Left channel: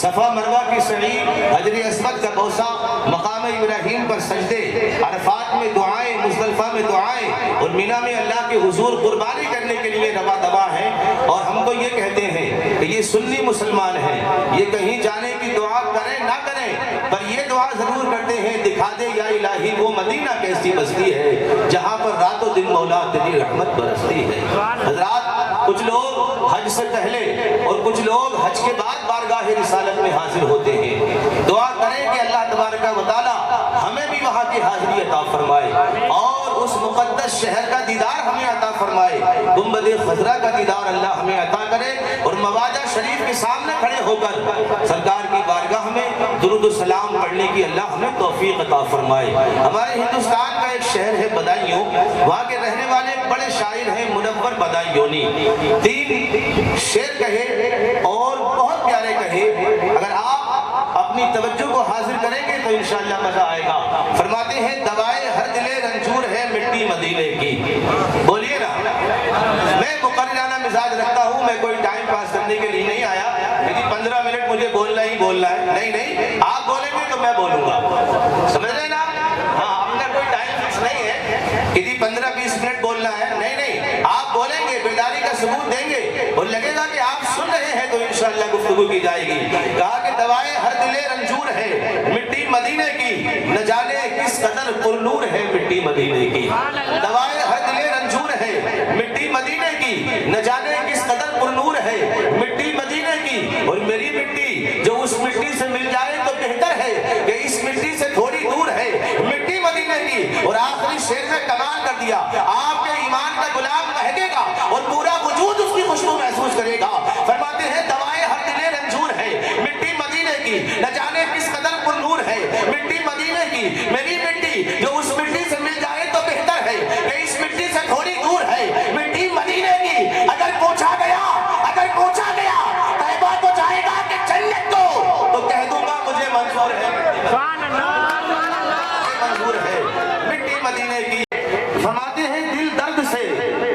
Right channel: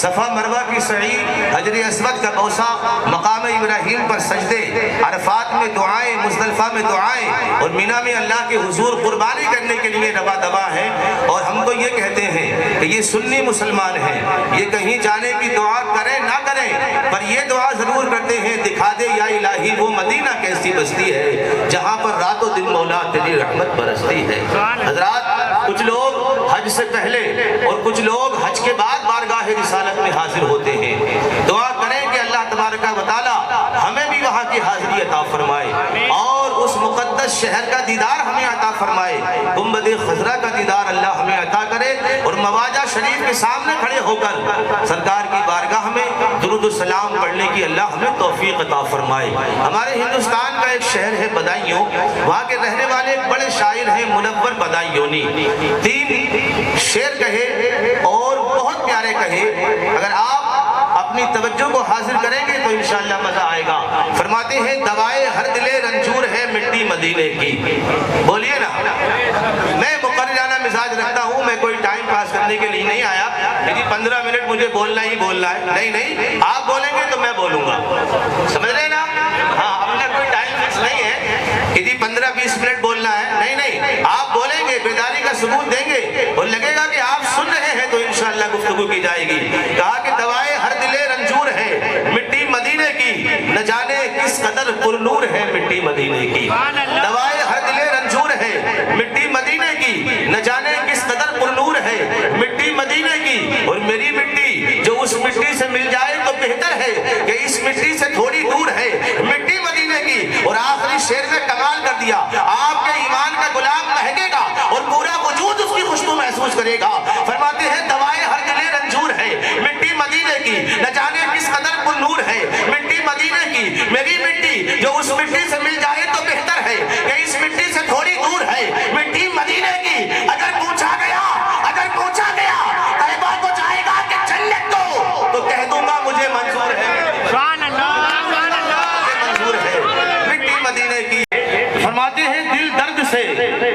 صفا مروہ کی سعی، حجر اسود کا بوسہ، مقام ابراہیم پر سجدے، عرفات میں دعائیں، مزدلفہ میں دعائیں، اور مینا میں اللہ کے حضور قربانی کرنے کے لیے روا دوا ہے۔ اور ہم تو یہ کہتے ہیں کہ یہ سنی مسلمان ہیں، یہ کہیں جانے کی دعا کریں نہ کریں، پر یہ دعا ضرور کرتے ہیں، دکھا دے یا الہی وہ مدینہ کیسی بستی ہے جہاں پر رات و دن مولا تیری رحمت برستی ہے۔ حضرات، کچھ لوگ حج سے پہلے اور کچھ لوگ حج کے بعد بارگاہ رسالت میں حاضر ہوتے ہیں۔ دعا کریں کہ اللہ تبارک و تعالی ہمیں بھی وہاں کی حاضری عطا فرمائے اور اس مقدس شہر کا دیدار ہمیں عطا فرمائے، گنبد خضرا کا دیدار اللہ ہمیں عطا کرے، اور مواجہ شریف کے سامنے کھڑے ہو کر سرکار کی بارگاہ میں درود و سلام پڑھنے کی اللہ ہمیں توفیق عطا فرمائے۔ ہمارے ہندوستان کا ایک شہر ہے بدایوں، وہاں کے رہنے والے ایک بڑے شاعر ہیں منور بدایونی، 3 شعر کہے اور بہت پیارے کہے، اگر آپ اپنی توجہ کو حاضر کریں گے تو انشاءاللہ مزہ آئے گا۔ فرماتے ہیں دوائے ہر دلے رنجور ہے مٹی مدینے کی۔ بولیے نا، میں مقررانہ مزاج رکھتا ہوں، میں کوئی ٹائم پاس کرنے کے لیے نہیں آیا لیکن 15 منٹ مجھے بولنا ہی بولنا ہے۔ نہیں، آپ بولیں گے تو میں بولوں گا، سمجھ رہے نا؟ ہاں، اپنا کوئی ٹائم فکس نہیں ہے کہ 15-20 منٹ بولنا ہے، نہیں، آپ بولیں گے، بیداری کا ثبوت دیں گے اور لگے گا کہ آپ سن رہے ہیں تو انشاءاللہ گفتگو کی جائے گی۔ کہا کہ دوائے ہر دلے رنجور ہے مٹی مدینے کی، نہ جانے کس قدر پرنور ہے مٹی مدینے کی۔ دوائے ہر دلے رنجور ہے مٹی مدینے کی، نہ جانے کس قدر پرنور ہے مٹی مدینے کی، اور میری مٹی جو اس مٹی سے مل جائے تو بہتر ہے کہ اس مٹی سے تھوڑی دور ہے مٹی مدینے کی۔ اور آخری شعر نے کمال کر دیا، آپ کے ایمان کا گلاب مہکے گا اور پورا وجود اس کی خوشبو محسوس کرے گا۔ فرماتے ہیں دوائے ہر دلے رنجور ہے مٹی مدینے کی، نہ جانے کس قدر پر نور ہے مٹی مدینے کی، میری مٹی جو اس مٹی سے مل جائے تو بہتر ہے کہ اس مٹی سے تھوڑی دور ہے مٹی مدینے کی۔ اگر پوچھا گیا طیبہ کو جائے گا کہ جنت کو، تو کہہ دوں گا مجھے منظور ہے، منظور ہے مٹی مدینے کی۔ فرماتے ہیں دل درد سے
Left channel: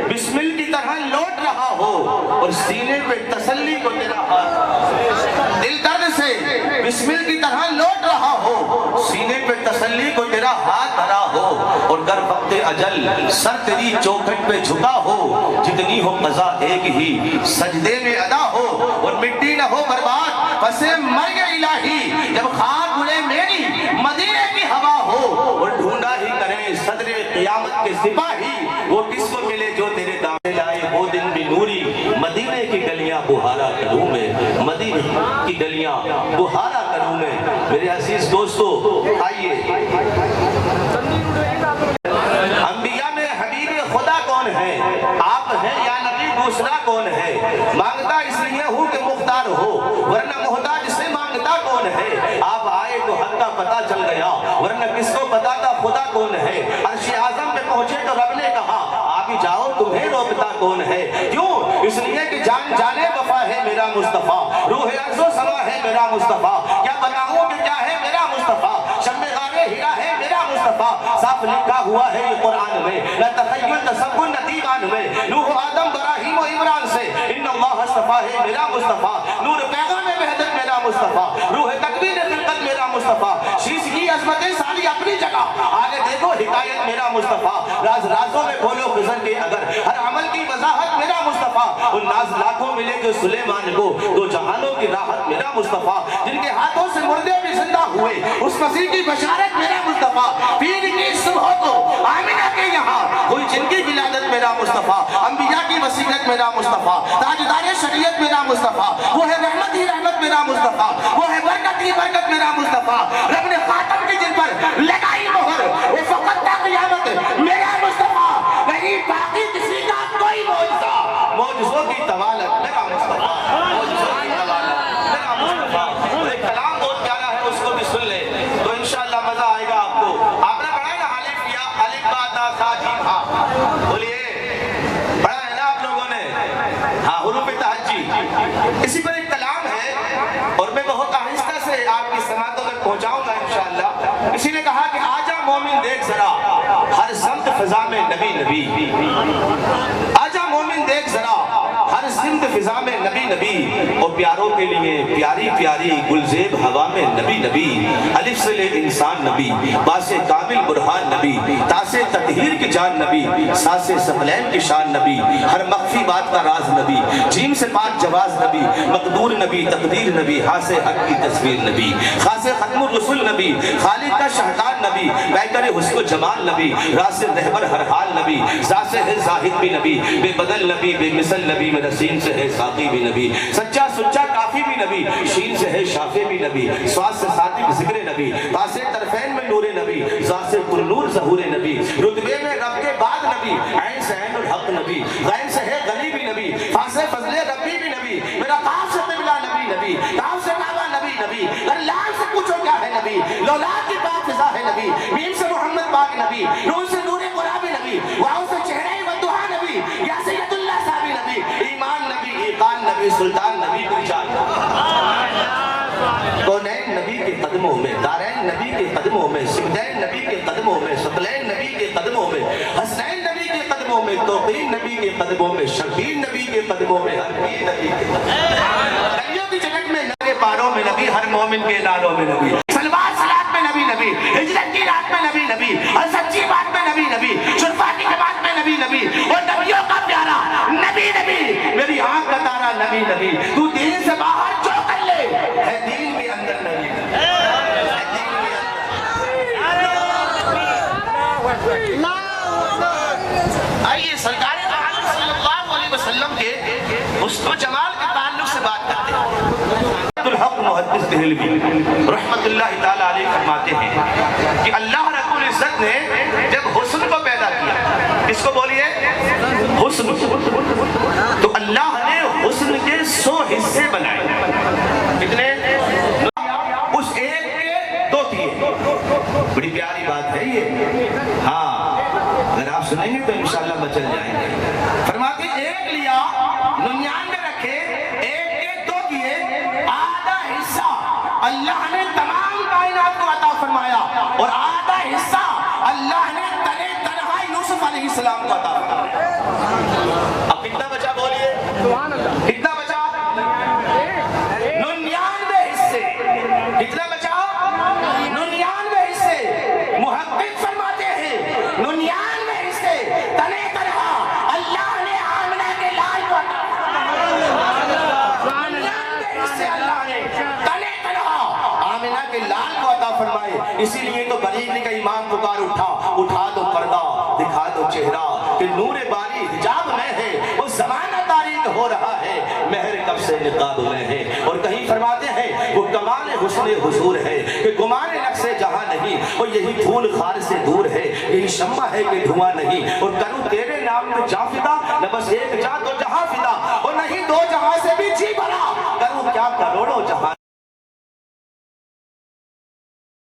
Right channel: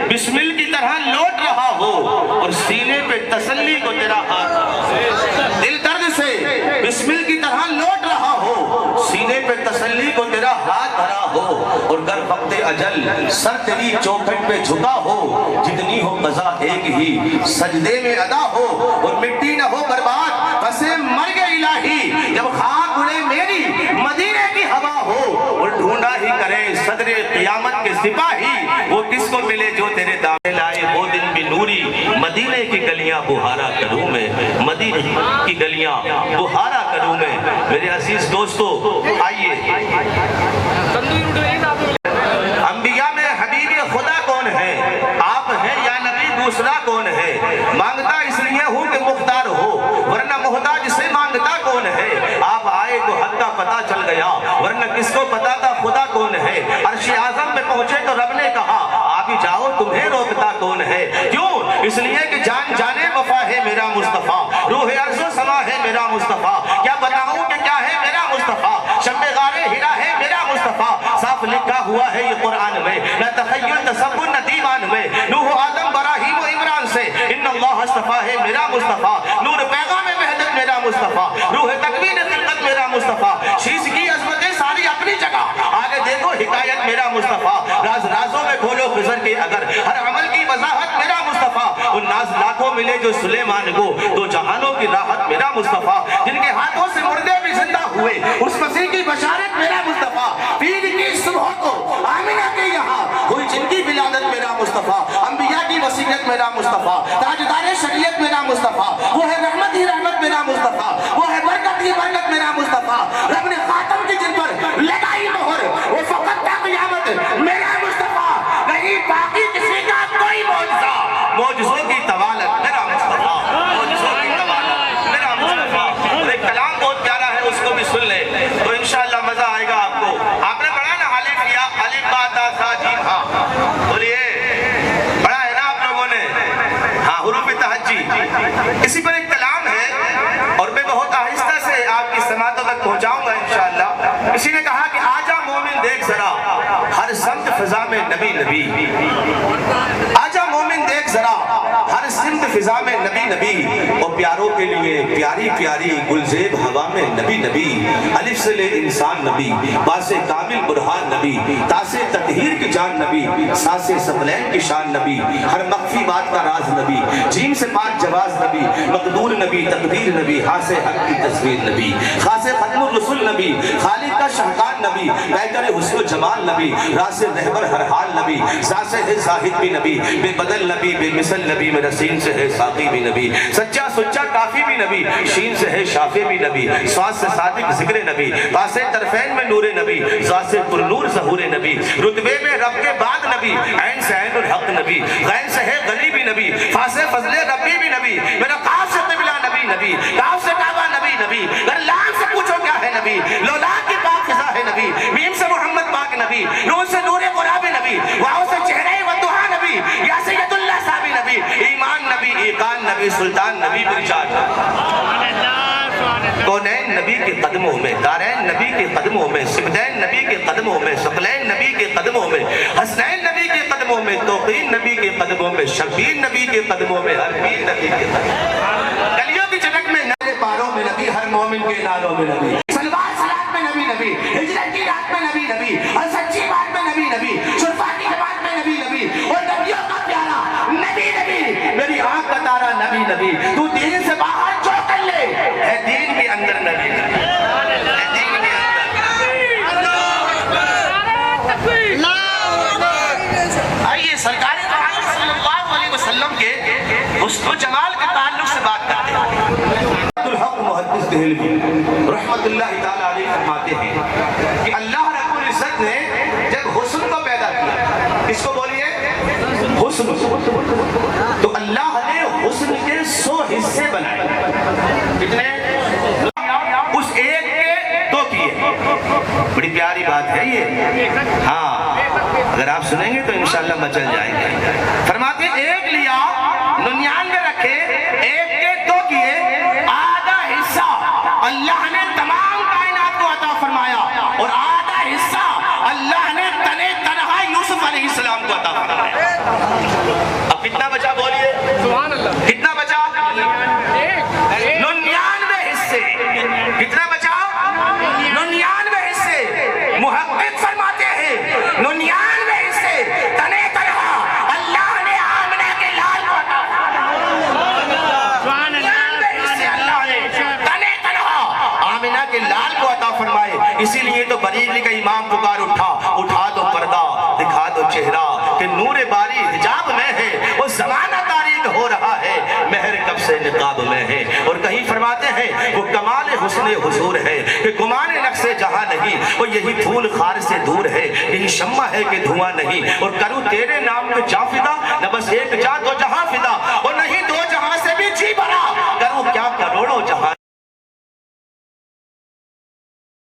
بسمل کی طرح لوٹ رہا ہو اور سینے پہ تسلی کو تیرا ہاتھ، دل درد سے بسمل کی طرح لوٹ رہا ہو، سینے پہ تسلی کو تیرا ہاتھ دھرا ہو، اور گر وقت اجل سر تیری چوکھٹ پہ جھکا ہو، جتنی ہو قضا ایک ہی سجدے میں ادا ہو، اور مٹی نہ ہو برباد پسے مرگ الہی، جب خاک اڑے میری مدینے کی ہوا ہو، اور ڈھونڈا ہی کرے صدر قیامت کے سپاہی، وہ کس کو ملے جو تیرے دامن لائے وہ دن بھی نوری، مدینے کی گلیاں بہارا کروں میں، مدینے کی گلیاں بہارا کروں میں۔ میرے عزیز دوستو، آئیے، انبیاء میں حبیب خدا کون ہے؟ آپ ہیں یا نبی دوسرا کون ہے؟ مانگتا اس لیے ہوں کہ مختار ہو، ورنہ محتاج سے مانگتا کون ہے؟ آپ آئے تو حق کا پتہ چل گیا، ورنہ کس کو پتا تھا خدا کون ہے؟ عرش اعظم میں پہنچے تو رب نے کہا آپ ہی جاؤ تمہیں روکتا کون ہے؟ کیوں؟ اس لیے کہ جان جانے وفا ہے میرا مصطفیٰ، روح عرض و سما ہے میرا مصطفیٰ، کیا بتاؤں کہ کیا ہے میرا مصطفیٰ، شمع غار ہرا ہے میرا مصطفیٰ، صاف لکھا ہوا ہے یہ قرآن میں، نہ تخیل تصور نہ دیوان میں، نوح آدم ابراہیم و عمران سے ان اللہ اصطفیٰ ہے میرا مصطفیٰ، نور پیغام وحدت میرا مصطفیٰ، روح تکوین خلقت میرا مصطفیٰ، شیش کی عظمتیں ساری اپنی جگہ، آگے دیکھو حکایت میرا مصطفیٰ، راز رازوں میں کھولو خضر کے اگر، ہر عمل کی وضاحت میرا مصطفیٰ، ان ناز لاکھوں ملے جو سلیمان کو، دو جہانوں کی راحت میرا مصطفیٰ، جن کے ہاتھوں سے مردے بھی زندہ ہوئے اس مسیح کی بشارت میرا مصطفیٰ، پیر کی صبح کو آمینہ کے یہاں ہوئی جن کی ولادت میرا مصطفیٰ، انبیاء کی وصیت میرا مصطفیٰ، تاجدار شریعت میرا مصطفیٰ، وہ ہے رحمت ہی رحمت میرا مصطفیٰ، وہ ہے برکت ہی برکت میرا مصطفیٰ، رب نے خاتم کی جن پر لگائی مہر وہ فقط تا قیامت میرا مصطفیٰ، نہیں باقی کسی کا کوئی معجزہ، معجزوں کی طوالت میرا مصطفیٰ، معجزوں کی طوالت میرا مصطفیٰ۔ اور ایک کلام بہت پیارا ہے، اس کو بھی سن لیں تو انشاءاللہ مزہ آئے گا آپ کو۔ آپ نے پڑھا نا الف یا الف با تا سا جیم ہا، بولیے پڑھا ہے نا آپ لوگوں نے؟ ہاں، حروف تہجی، اسی پر ایک کلام ہے اور میں بہت آہستہ سے آپ کی سماعتوں تک پہنچاؤں گا انشاءاللہ۔ کسی نے کہا کہ آجا مومن دیکھ ذرا ہر سمت فضا میں نبی نبی، آجا مومن دیکھ ذرا ہر ہر سمت فضا میں نبی نبی، اور پیاروں کے لیے پیاری پیاری گلزیب ہوا میں نبی نبی، الف سے لے انسان نبی، باس کامل برہان نبی، تاس تطہیر کی جان نبی، ساس ثقلین کی شان نبی، ہر مخفی بات کا راز نبی، جیم سے پاک جواز نبی، مقدور نبی، تقدیر نبی، ہاس حق کی تصویر نبی، خاص ختم الرسل نبی، خالق کا شہکار نبی، بیکر حسن و جمال نبی، راس رہبر ہر حال نبی، ذات سے ہے زاہد بھی نبی، بے بدل نبی، بے مثل نبی، میرا سین سے ہے ساقی بھی نبی، سچا سچا کافی بھی نبی، شین سے ہے شافی بھی نبی، سواس سے صادق ذکر نبی، پاسے طرفین میں نور نبی، ذات سے پر نور ظہور نبی، رتبے میں رب کے بعد نبی، عین سے عین الحق نبی، غین سے ہے غنی بھی نبی، فاسے فضل ربی بھی نبی، میرا قاف سے قبلہ نبی نبی، کاف سے کعبہ نبی نبی، اگر لام سے پوچھو کیا ہے نبی، لولا کی پاک فضا ہے نبی، میم سے محمد پاک نبی، نون سے نور قرآن نبی، واؤ سے چہرہ ودعا نبی، یا سید اللہ صحابی نبی، ایمان نبی، ایقان نبی، سلطان نبی، برجان کونین نبی کے قدموں میں، دارین نبی کے قدموں میں، سبدین نبی کے قدموں میں، ثقلین نبی کے قدموں میں، حسنین نبی کے قدموں میں، توقین نبی کے قدموں میں، شبیر نبی کے قدموں میں، حرمین نبی کے قدموں میں، گلیوں کی جھلک میں نالے پاروں میں نبی، ہر مومن کے نالوں میں نبی، سلوات صلات میں نبی نبی، ہجرت کی رات میں نبی نبی، اور سچی بات میں نبی نبی، شرفا کی جماعت میں نبی نبی، اور نبیوں کا پیارا نبی نبی، میری آنکھ کا تارا نبی نبی، تو دین سے باہر جو کر لے ہے دین کے اندر نبی نبی، ہے دین کے اندر۔ آئیے سرکار عالم صلی اللہ علیہ وسلم کے حسن و جمال کے تعلق سے بات کرتے ہیں۔ الحق محدث دہلوی رحمت اللہ تعالیٰ علیہ فرماتے ہیں کہ اللہ رب العزت نے جب حسن کو پیدا کیا، اس کو بولیے حسن، تو اللہ نے حسن کے 100 حصے بنائے، کتنے؟ اس ایک کے 2 کیے، بڑی پیاری بات ہے یہ، ہاں اگر آپ سنیں گے تو انشاءاللہ مچل جائیں گے۔ فرماتے ہیں ایک لیا 99 رکھے، ایک کے 2 کیے، آدھا حصہ اللہ نے تمام کائنات کو عطا فرمایا، اور آدھا حصہ اللہ نے تنے تنہا یوسف علیہ السلام کو عطا فرمایا۔ اب کتنا بچا بولیے؟ کتنا بچا؟ 99 حصے۔ کتنا بچا؟ 99 حصے۔ محقق فرماتے ہیں 99 حصے تنے تنہا اللہ نے آمنہ کے لال کو عطا فرمایا۔ 99 حصے اللہ نے تنے تنہا آمنہ کے لال کو عطا فرمائے۔ اسی لیے تو بریلی کا امام پکار اٹھا دو پردہ، دکھا دو چہرہ کہ نور باری حجاب میں ہے، وہ زمانہ تاریک ہو رہا ہے، مہر کب سے نقاب میں ہے۔ اور کہیں فرماتے ہیں وہ کمال حسن حضور ہے کہ گمان نقص جہاں نہیں، وہ یہی پھول خار سے دور ہے، یہی شمع ہے کہ دھواں نہیں، اور کروں تیرے نام پہ جاں فدا، نہ بس ایک جاں 2 جہاں فدا، اور نہیں 2 جہاں سے بھی جی بھرا، کروں کیا